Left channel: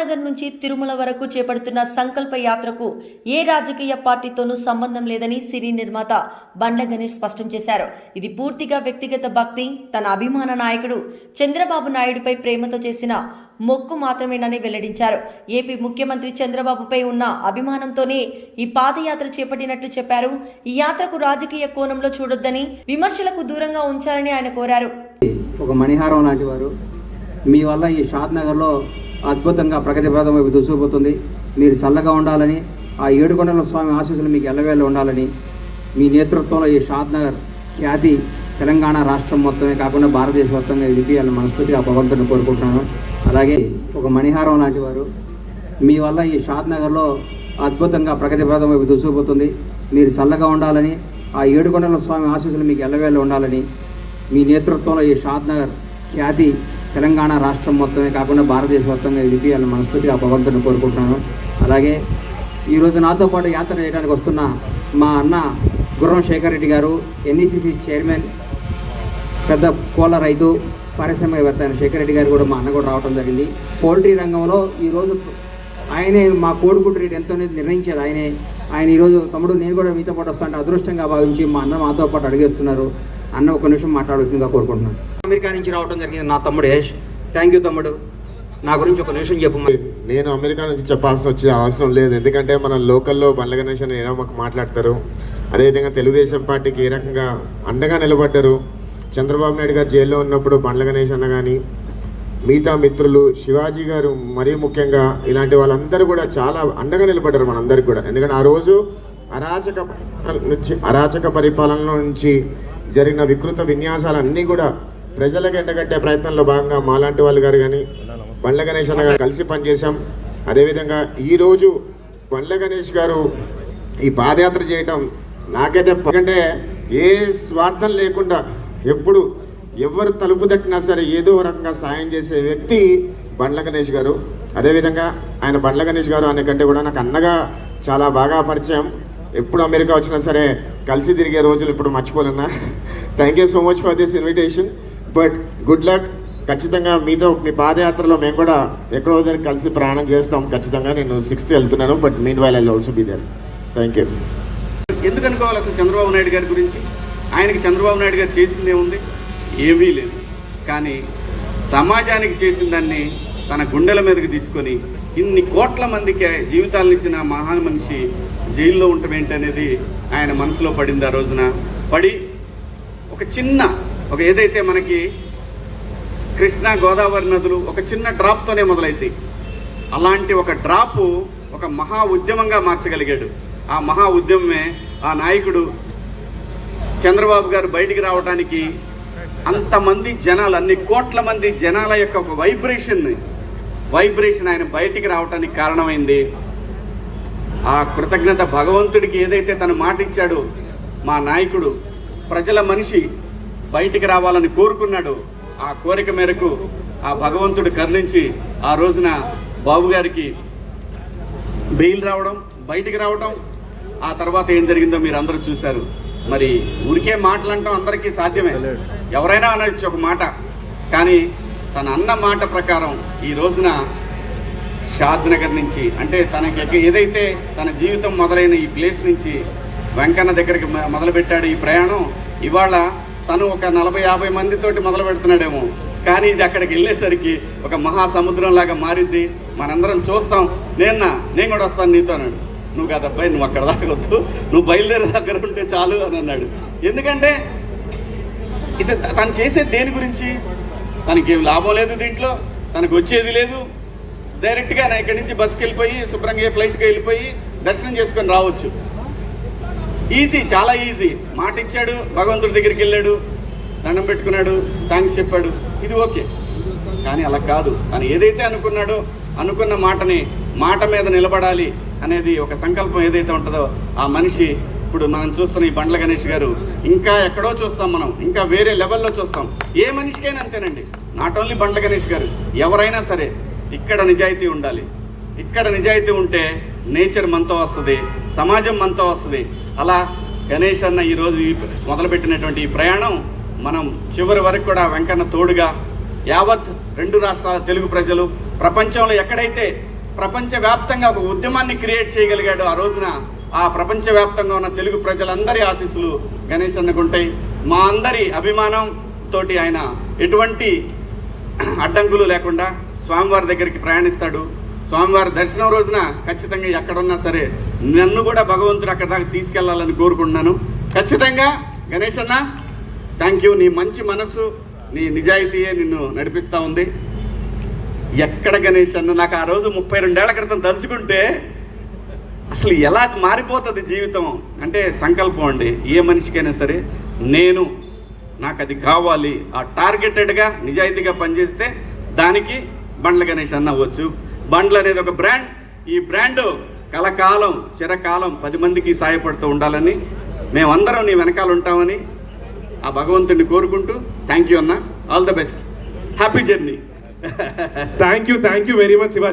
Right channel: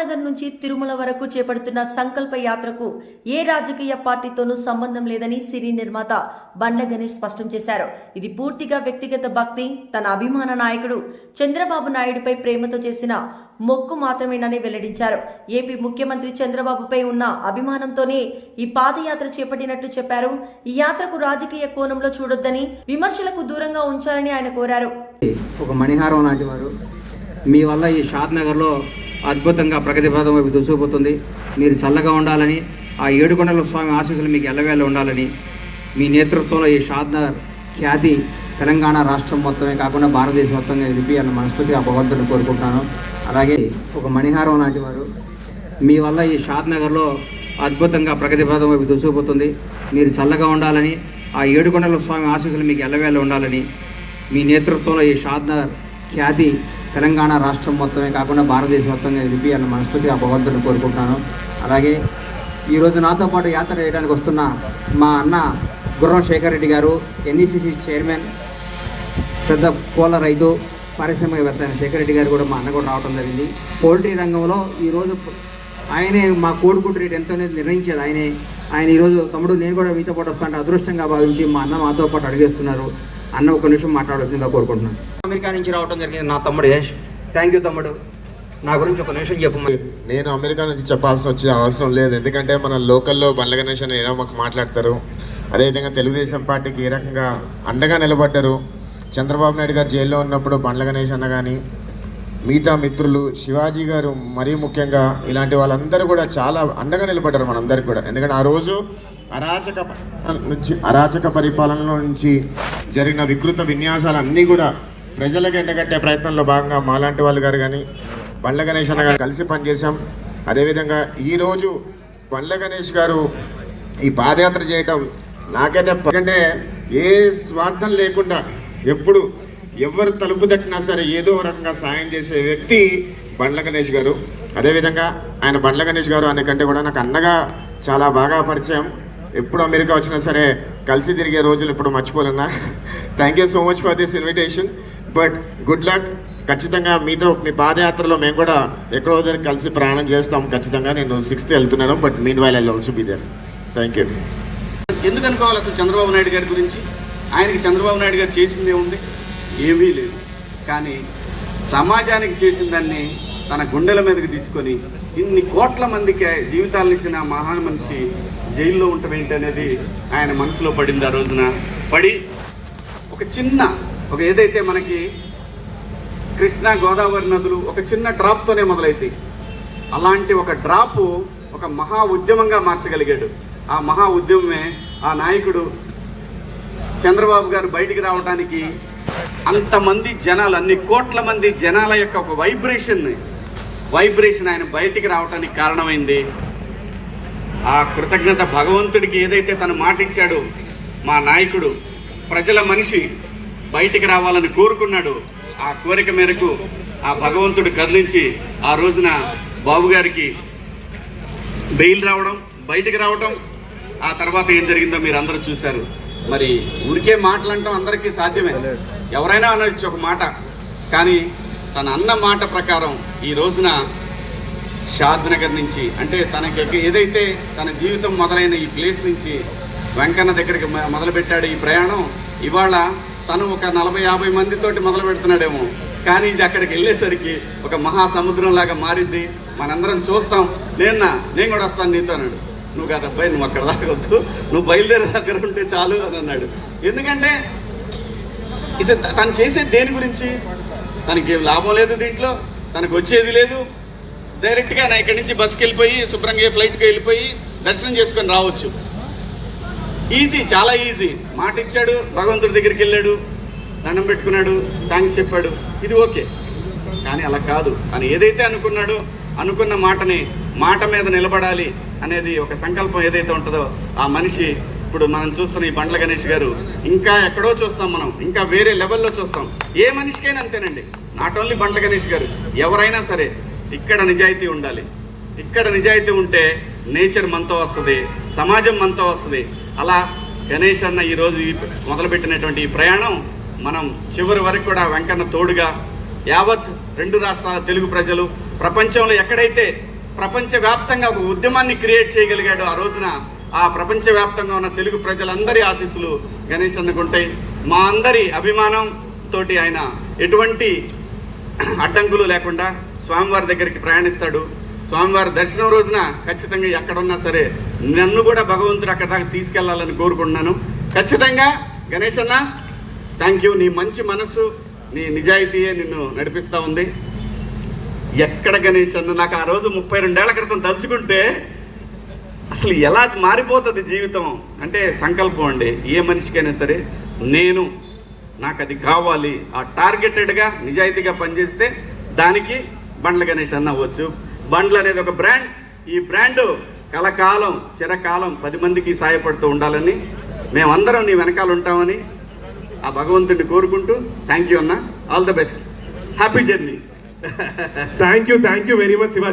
నగర్ నుంచి తిరుమల వరకు చేపడుతున్న సంకల్ప యాత్రకు ఏ రాజకీయ పార్టీతోనూ సంబంధం లేదని సినీ నిర్మాత బండ్ల గణేష్ స్పష్టం చేశారు. ఇది పూర్తిగా వ్యక్తిగత భక్తి, తన అభిమాన నాయకుడు చంద్రబాబు నాయుడుపై ప్రేమతో చేసిన మొక్కు మాత్రమేనని వెల్లడించారు. ఏపీ ముఖ్యమంత్రి చంద్రబాబుపై ఉన్న అభిమానంతోనే ఈ పాదయాత్ర చేపట్టినట్లు చెప్పారు. ఈ యాత్రకు రాజకీయ కోణంలో చూడొద్దని, విమర్శలకు దూరంగా ఉంచాలని ఆయన కోరారు. ఒక మణిహారం లాంటి వారు, మీ వల్ల ఈ షాద్ నగర్లో అద్భుతంగా ప్రగతి పథం వైపు దూసుకుపోతుంది. మీరు చల్లగా ఉండాలని, ఆ ఏడుకొండల స్వామి ఆశీస్సులు మీకు ఎల్లవేళ ఉండాలని, మీ నేతృత్వంలో ఈ షాద్ నగర్ ఖ్యాతి తెలంగాణ రాష్ట్రం మొత్తమే కాకుండా భారతదేశ మొత్తంగా విడిపియాలని మనస్ఫూర్తిగా భగవంతుని కోరుకుంటున్నాను. అలాగే ఒక మణిహారం లాంటి వారు, మీ వల్ల ఈ షాద్ నగర్లో అద్భుతంగా ప్రగతి పథం వైపు దూసుకుపోతుంది. మీరు చల్లగా ఉండాలని, ఆ ఏడుకొండల స్వామి ఆశీస్సులు మీకు ఎల్లవేళ ఉండాలని, మీ నేతృత్వంలో ఈ షాద్ నగర్ ఖ్యాతి తెలంగాణ రాష్ట్రం మొత్తమే కాకుండా భారతదేశ మొత్తంగా విడిపియాలని మనస్ఫూర్తిగా భగవంతుని కోరుకుంటున్నాను. అలాగే ఈరోజు నాతో పాటు యాత్ర చేయడానికి వస్తున్న మా అన్న గుర్రం శేఖర్ రెడ్డి గారు, ఎన్ఈసిసి చైర్మన్, పెద్ద కోళ్ళ రైతు, పారిశ్రామికవేత్త అయిన శేఖర్ రెడ్డి గారు కూడా మా అన్న కూడా రావడం జరిగింది. పౌల్ట్రీ రంగంలో ఈరోజు ఆయనే మా కోడిగుడ్డు రేటు ఎంతో నిర్ణయించేది ఆయనే. ఆయన ఈరోజు తమ్ముడు నేను కూడా మీతో పాటు వస్తానంటే అదృష్టంగా భావించి మా అన్న మాతో పాటు అడిగేస్తున్నారు. అన్న ఒక నిమిషం మాట్లాడాల్సిందిగా కోరుకుంటున్నాను. అమెరికా నుంచి రావడం జరిగింది నా తమ్ముడు యశ్. థ్యాంక్ యూ తమ్ముడు, నా గురించి ఒక నిమిషం చెప్పు. నేను అమెరికా నుంచి చెప్పాల్సి వచ్చే అవసరం లేదు, ఎందుకంటే మన లోకల్లో బండ్ల గణేష్ అని ఎలా మాట్లాడతారు. అదేవిధంగా తెలుగుదేశం పార్టీకి ఏ రకంగా అండగా నిలబడ్డారు. చంద్రబాబు నాయుడు గారు జైల్లో ఉన్నప్పుడు బండ్ల గణేష్ అన్న కానీ మిగతా మిత్రులు, శివాజీ గారు మరీ ముఖ్యంగా, ఇలాంటి వాళ్ళందరూ కూడా చాలా అండగా నిలబడ్డారు మనందరికీ కూడా. ఎందుకంటే ఆ రోజు అరాచక పరిపాలనలో నుంచి జరిగిన వికృత విన్యాసాలన్నీ కూడా ప్రజలకు ఎండగట్టే ప్రయత్నంలో భాగంగా మాలాంటి వాళ్ళు గారు కానీ బండ్ల గణేష్ అన్న గారు కలిసి పనిచేశాం. అదేవిధంగా ఈరోజు బండ్ల గణేష్ గారు ఈ పాదయాత్ర చేయటం నాకైతే, ఎందుకంటే ఏ స్వార్థం లేకుండా ఎప్పుడు ఎవరు తలుపు తట్టినా సరే ఏదో రకంగా సాయం చేసే వ్యక్తి బండ్ల గణేష్ గారు. అదేవిధంగా ఆయన బండ్ల గణేష్ గారు అనే కంటే కూడా నాకు అన్నగా చాలా బాగా పరిచయం. ఎప్పుడు అమెరికా వచ్చినా సరే కలిసి తిరిగే రోజులు ఇప్పుడు మర్చిపోలేనా. Thank you so much for this invitation, but good luck. ఖచ్చితంగా మీతో మీ పాదయాత్రలో మేము కూడా ఎక్కడో దగ్గర కలిసి ప్రయాణం చేస్తాం. ఖచ్చితంగా నేను 6th వెళ్తున్నాను, but meanwhile I will also be there. Thank you. ఎందుకు అనుకోవాలి అసలు చంద్రబాబు నాయుడు గారి గురించి? ఆయనకి చంద్రబాబు నాయుడు గారు చేసిందే ఉంది, ఏమీ లేదు. కానీ సమాజానికి చేసిన దాన్ని తన గుండెల మీదకి తీసుకొని ఇన్ని కోట్ల మందికి జీవితాలను ఇచ్చిన మహాన్ మనిషి జైల్లో ఉండటం ఏంటనేది ఆయన మనసులో పడింది. ఆ రోజున పడి ఒక ఏదైతే మనకి కృష్ణా గోదావరి నదులు ఒక చిన్న డ్రాప్తోనే మొదలైతాయి, అలాంటి ఒక డ్రాపు ఒక మహా ఉద్యమంగా మార్చగలిగాడు. ఆ మహా ఉద్యమమే ఆ నాయకుడు చంద్రబాబు గారు బయటికి రావడానికి అంతమంది జనాలు, అన్ని కోట్ల మంది జనాల యొక్క ఒక వైబ్రేషన్ ఆయన బయటికి రావడానికి కారణమైంది. ఆ కృతజ్ఞత భగవంతుడికి ఏదైతే తను మాట ఇచ్చాడో, మా నాయకుడు ప్రజల మనిషి బయటికి రావాలని కోరుకున్నాడు. ఆ కోరిక మేరకు ఆ భగవంతుడు కరుణించి ఆ రోజున బాబు గారికి బెయిల్ రావడం, బయటికి రావడం, ఆ తర్వాత ఏం జరిగిందో మీరు అందరూ చూశారు. మరి ఊరికే మాటలంటాం అందరికీ సాధ్యమే, ఎవరైనా అనొచ్చు ఒక మాట. కానీ తన అన్న మాట ప్రకారం ఈ రోజున షాద్ నగర్ నుంచి, అంటే తనకి ఏదైతే తన జీవితం మొదలైన ఈ ప్లేస్ నుంచి వెంకన్న దగ్గరికి మొదలుపెట్టాడు ఈ ప్రయాణం. ఇవాళ తను ఒక 40-50 మందితోటి మొదలు పెడుతున్నాడేమో, కానీ ఇది అక్కడికి వెళ్ళేసరికి ఒక మహాసముద్రం లాగా మారింది. మనందరం చూస్తాం. నేను కూడా వస్తాను నీతో అన్నాడు. నువ్వు కాదు అబ్బాయి, నువ్వు అక్కడ దాకా వద్దు, నువ్వు బయలుదేరే దగ్గర ఉంటే చాలు అని అన్నాడు. ఎందుకంటే ఇది తను చేసేది దేని గురించి? తనకి లాభం లేదు, దీంట్లో తనకు వచ్చేది లేదు. డైరెక్ట్గా నా ఇక్కడి నుంచి బస్కి వెళ్ళిపోయి శుభ్రంగా ఫ్లైట్కి వెళ్ళిపోయి దర్శనం చేసుకొని రావచ్చు. ఈజీ, చాలా ఈజీ. మాట ఇచ్చాడు, భగవంతుడి దగ్గరికి వెళ్ళాడు, దండం పెట్టుకున్నాడు, థ్యాంక్స్ చెప్పాడు, ఇది ఓకే. కానీ అలా కాదు. తను ఏదైతే అనుకున్నాడో అనుకున్న మాట మీద నిలబడాలి అనేది ఒక సంకల్పం ఏదైతే ఉంటుందో ఆ మనిషి ఇప్పుడు మనం చూస్తున్న ఈ బండ్ల గణేష్ గారు ఇంకా ఎక్కడో చూస్తాం, మనం ఇంకా వేరే లెవెల్లో చూస్తాం. ఏ మనిషికైనా అంతేనండి, నాట్ ఓన్లీ బండ్ల గణేష్ గారు, ఎవరైనా సరే ఇక్కడ నిజాయితీ ఉండాలి. ఇక్కడ నిజాయితీ ఉంటే నేచర్ మనతో వస్తుంది, సమాజం మనతో వస్తుంది. అలా గణేష్ అన్న ఈరోజు మొదలుపెట్టినటువంటి ఈ ప్రయాణం మనం చివరి వరకు కూడా వెంకన్న తోడుగా యావత్ 2 రాష్ట్రాల తెలుగు ప్రజలు ప్రపంచంలో ఎక్కడైతే ప్రపంచవ్యాప్తంగా ఒక ఉద్యమాన్ని క్రియేట్ చేయగలిగాడు. ఆ రోజున ఆ ప్రపంచవ్యాప్తంగా ఉన్న తెలుగు ప్రజలందరి ఆశీస్సులు గణేష్ అన్నకు ఉంటాయి. మా అందరి అభిమానం తోటి ఆయన ఎటువంటి అడ్డంకులు లేకుండా స్వామివారి దగ్గరికి ప్రయాణిస్తాడు. స్వామివారి దర్శనం రోజున ఖచ్చితంగా ఎక్కడున్నా సరే నన్ను కూడా భగవంతుడు అక్కడ దాకా తీసుకెళ్లాలని కోరుకుంటున్నాను. ఖచ్చితంగా గణేష్ అన్న, థ్యాంక్ యూ. నీ మంచి మనసు, నీ నిజాయితీయే నిన్ను నడిపిస్తూ ఉంది. ఎక్కడ గణేష్ అన్న, నాకు ఆ రోజు 32 ఏళ్ల క్రితం తలుచుకుంటే అసలు ఎలా మారిపోతుంది జీవితం అంటే సంకల్పం అండి. ఏ మనిషికైనా సరే నాకు అది కావాలి, ఆ టార్గెటెడ్గా నిజాయితీగా పనిచేస్తే దానికి బండ్ల గణేష్ అన్న అవ్వచ్చు. బండ్లు అనేది ఒక బ్రాండ్. ఈ బ్రాండ్ కలకాలం చిరకాలం 10 మందికి సాయపడుతూ ఉండాలని మేమందరం నీ వెనకాల ఉంటామని ఆ భగవంతుడిని కోరుకుంటూ థ్యాంక్ యూ అన్న. All the best. Happy journey. Thank you very much Shivaji.